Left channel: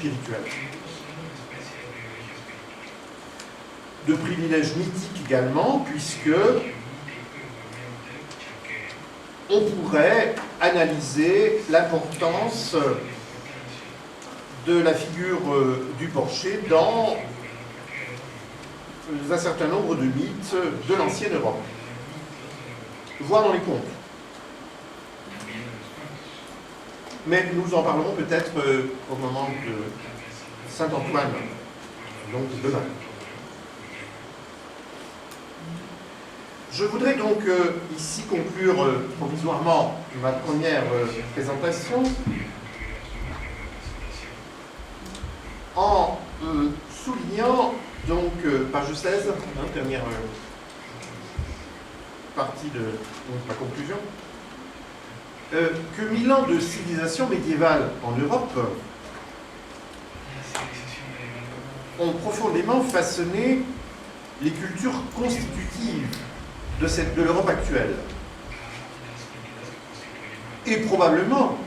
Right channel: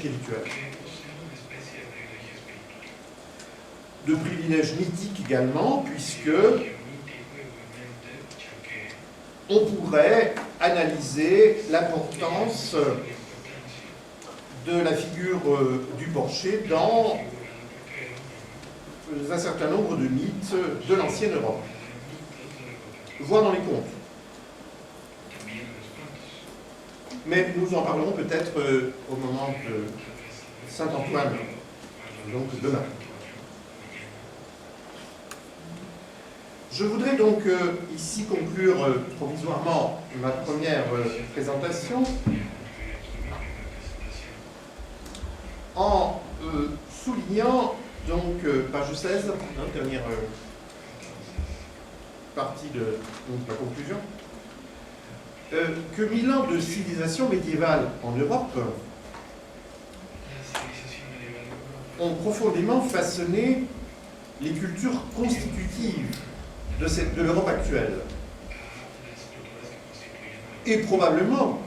spirituel. De privilège mythique également, puisque on pourrait analyser l'importance de la figure du porcher dans un certain nombre de mythes de l'ancienne Europe, voire dans les contes. Mais nous en parlerons peut-être au moment de Saint-Antoine, donc demain. Je voudrais donc ici conclure provisoirement ma première présentation en soulignant donc, page 16, dernière partie de ma conclusion, que 1000 ans de civilisation médiévale en Europe ont profondément façonné les cultures constitutives de l'Europe actuelle. Et probablement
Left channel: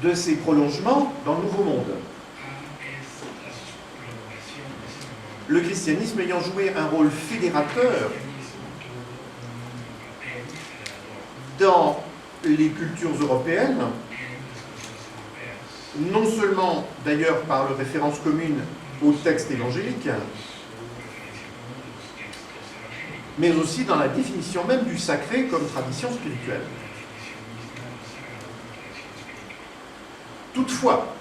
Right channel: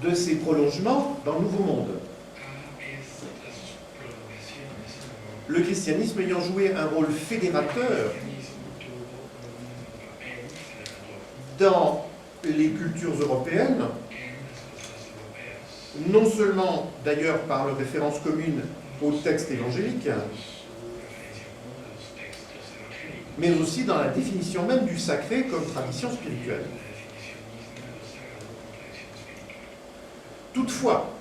de ses prolongements dans le Nouveau Monde. Le christianisme ayant joué un rôle fédérateur dans les cultures européennes, non seulement d'ailleurs par leur référence commune au texte évangélique, mais aussi dans la définition même du sacré comme tradition spirituelle. Toutefois,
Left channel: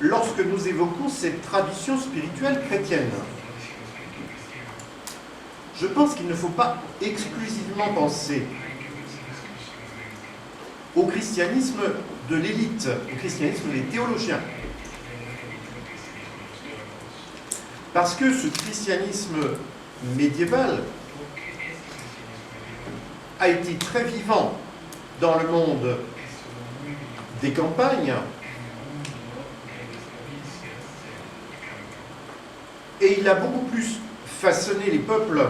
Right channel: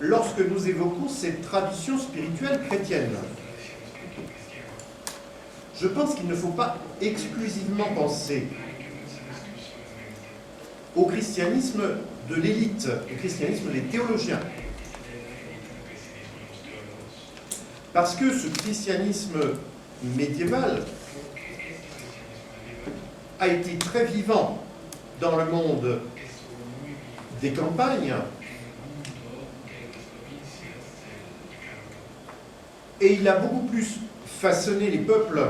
lorsque nous évoquons cette tradition spirituelle chrétienne, je pense qu'il ne faut pas exclusivement penser au christianisme de l'élite, au christianisme des théologiens. Parce que ce christianisme médiéval a été très vivant dans le monde des campagnes et il a beaucoup plus façonné les peuples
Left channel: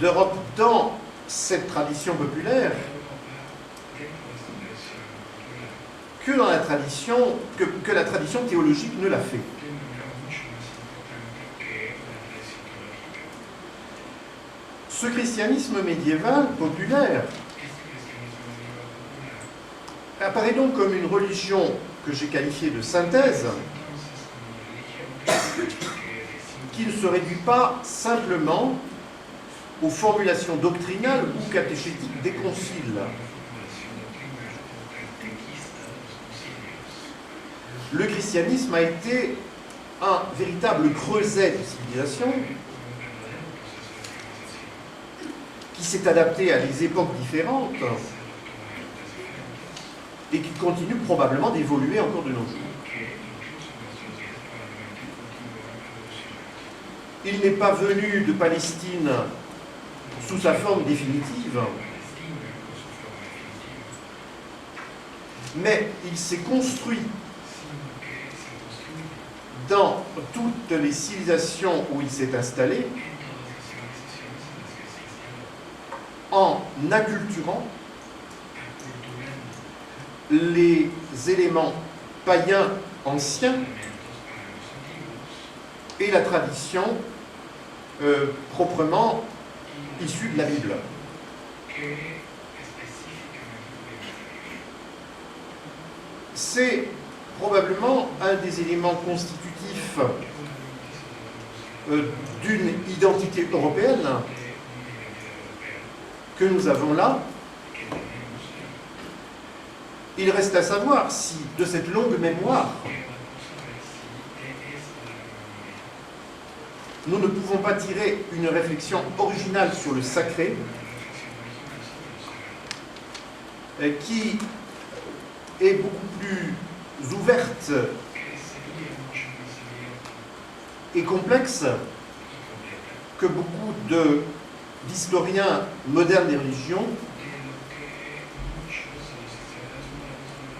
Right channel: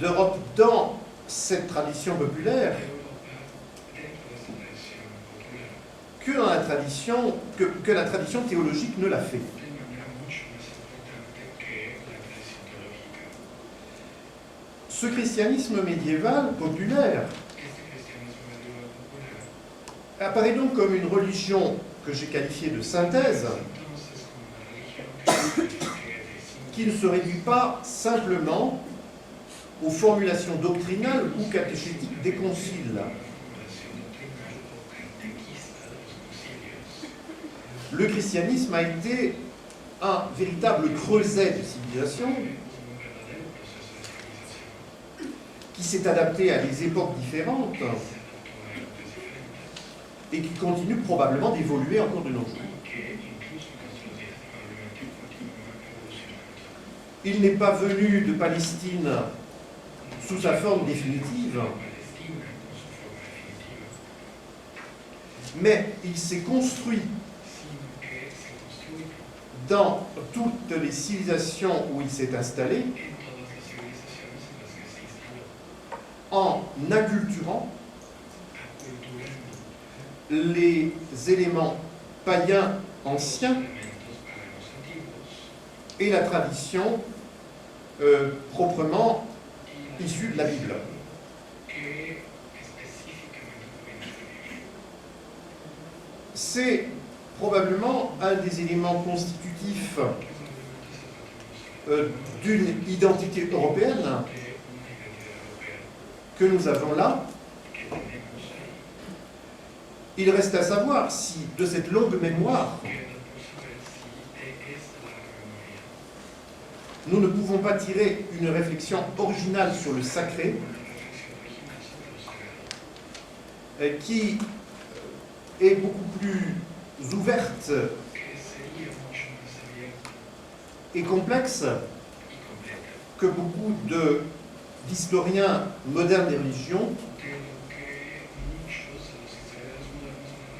d'Europe dans cette tradition populaire que dans la tradition, que la tradition théologique ne l'a fait. Ce christianisme médiéval populaire apparaît donc comme une religion que j'ai qualifiée de synthèse, qui ne se réduit pas simplement aux formulations doctrinales ou catéchétiques des conciles. Le christianisme a été un véritable creuset de civilisation qui s'est adapté à des époques différentes et qui continue probablement d'évoluer encore de nos jours. Il n'est pas venu de Palestine sous sa forme définitive, mais il s'est construit dans toutes les civilisations où il s'est installé en acculturant les éléments païens anciens et la tradition proprement issue de la Bible. C'est probablement un des éléments constitutifs d'une identité européenne que nous avons là. Il reste à savoir si, de cette longue mémoire, nous ne pouvons pas tirer une réflexion originale sur le sacré qui est beaucoup plus ouverte et complexe que beaucoup d'historiens modernes des religions,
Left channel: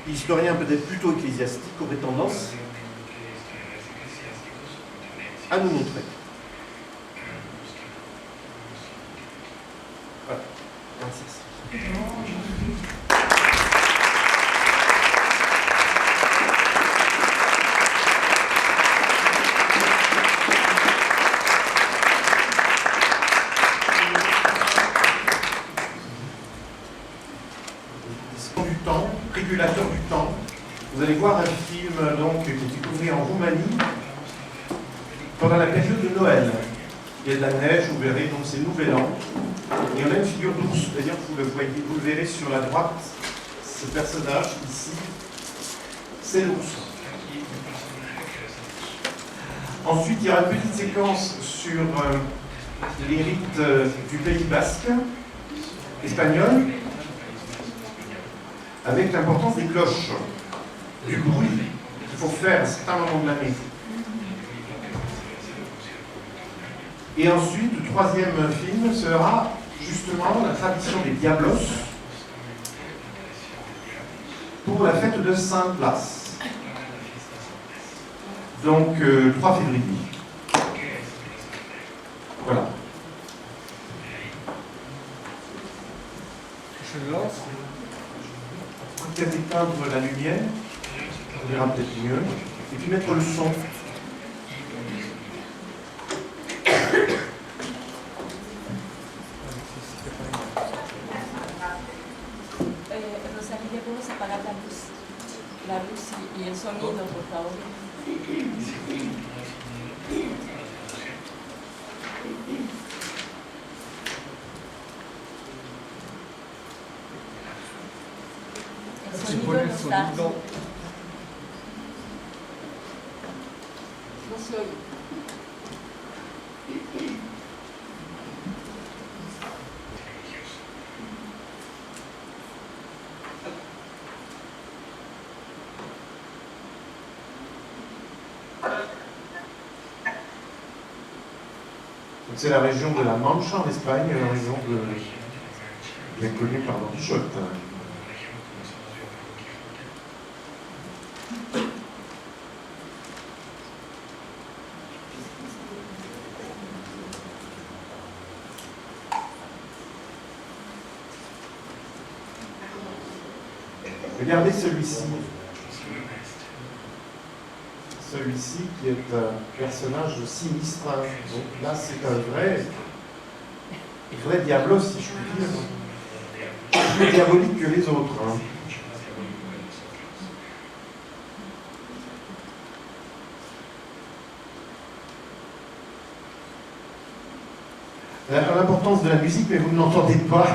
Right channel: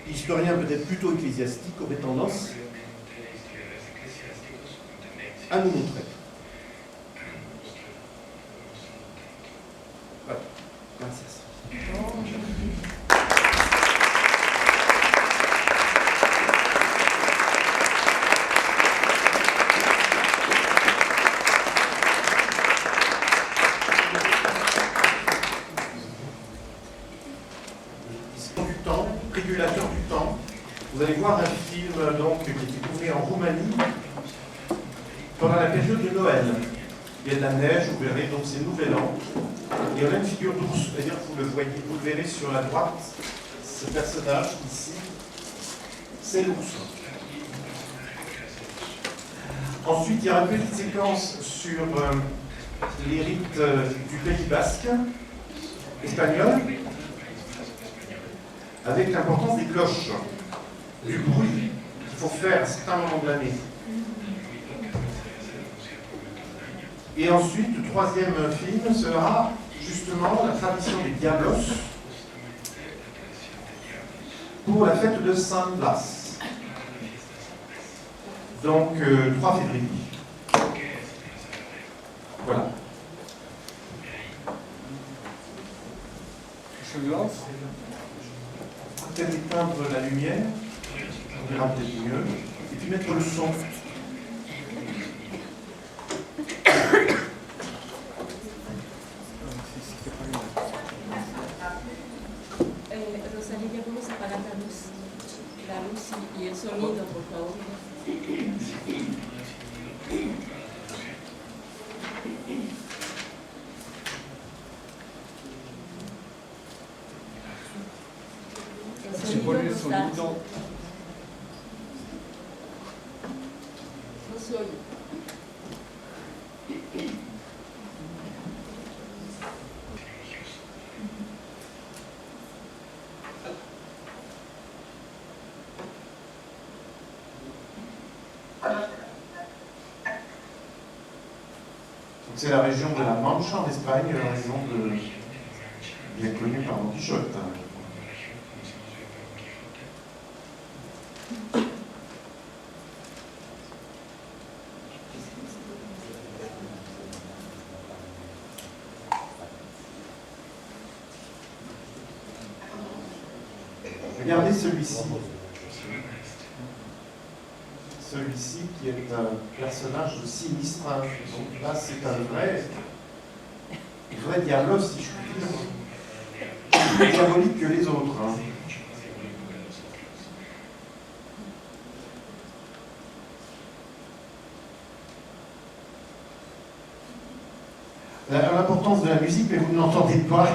historiens peut-être plutôt ecclésiastiques, auraient tendance à nous montrer. Voilà. Merci. temps, régulateur du temps. Vous allez voir un film donc, qui était tourné en Roumanie pendant la période de Noël. Il y a de la neige, vous verrez, donc c'est Nouvel An. Et on a une figure d'ours, c'est-à-dire que vous le voyez, vous le verrez sur la droite, ce personnage ici, c'est l'ours. Ensuite, il y aura une petite séquence sur les rites du Pays basque, espagnol, avec l'importance des cloches, du bruit qu'il faut faire à certains moments de l'année. Et ensuite, le troisième film sera justement la tradition des Diablos pour la fête de Saint-Blas. Donc, 3 février. Voilà. Je lance. Peut-être éteindre la lumière, on verra peut-être mieux. Et puis mettre le son. Rosalía, ¿cómo se apaga la luz y el sonido, por favor? El sonido no está. No se oye. C'est la région de la Mancha en Espagne, la région bien connue par Don Quichotte. Regardez celui-ci. Celui-ci qui est un personnage sinistre. Donc là, c'est un vrai diablos, si je puis dire. Plus diabolique que les autres. Hein. L'importance de la musique, mais vous ne l'entendez pas,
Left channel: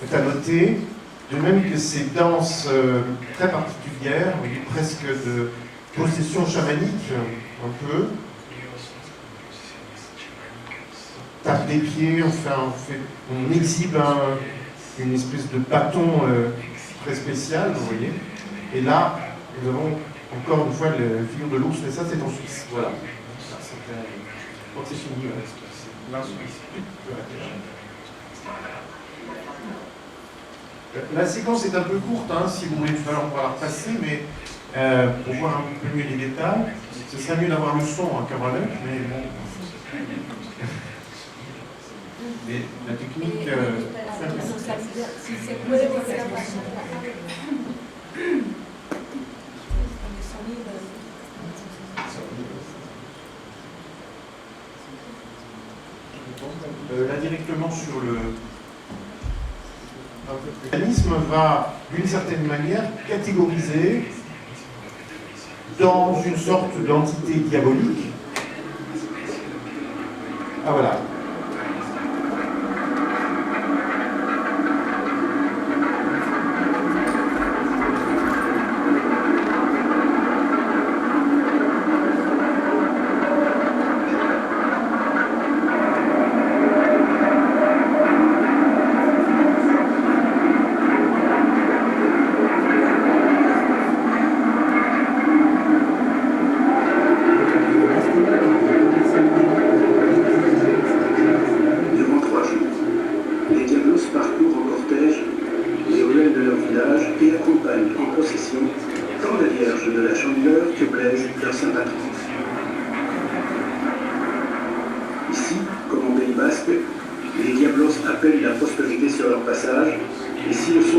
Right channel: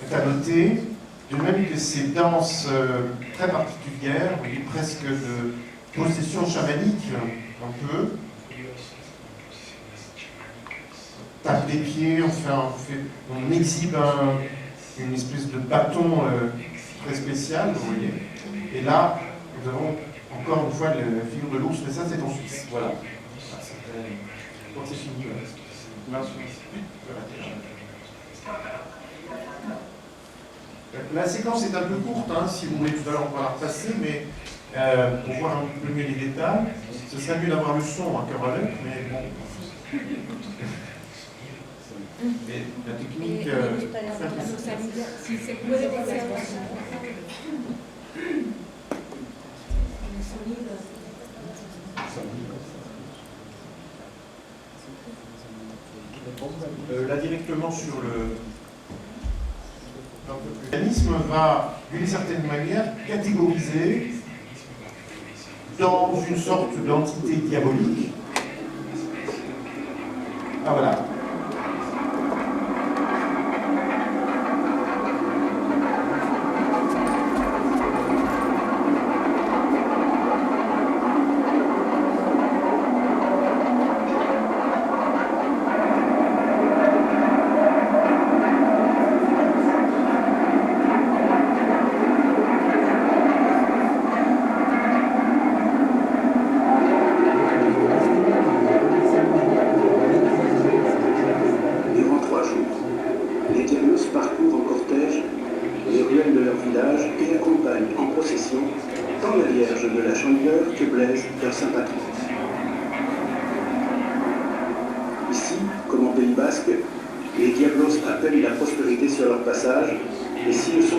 est à noter. De même que ces danses très particulières, presque de possession chamanique, un peu. On tape des pieds, on exhibe une espèce de bâton très spécial, vous voyez. Et là, nous avons encore une fois la figure de l'ours, mais ça c'est en Suisse. Voilà. Donc c'est fini. Là. La séquence est un peu courte, hein, si vous voulez, tout à l'heure on pourra la repasser, mais pour voir un peu mieux les détails, ce serait mieux d'avoir le son à cœur avec, mais bon. Mais la technique. Si se puede volver a Là directement sur le. Le mécanisme va, d'une certaine manière, catégoriser dans une sorte d'entité diabolique. Ah voilà. Ici, comme en Pays basque, les Diablos appellent la prospérité sur leur passage, et si le son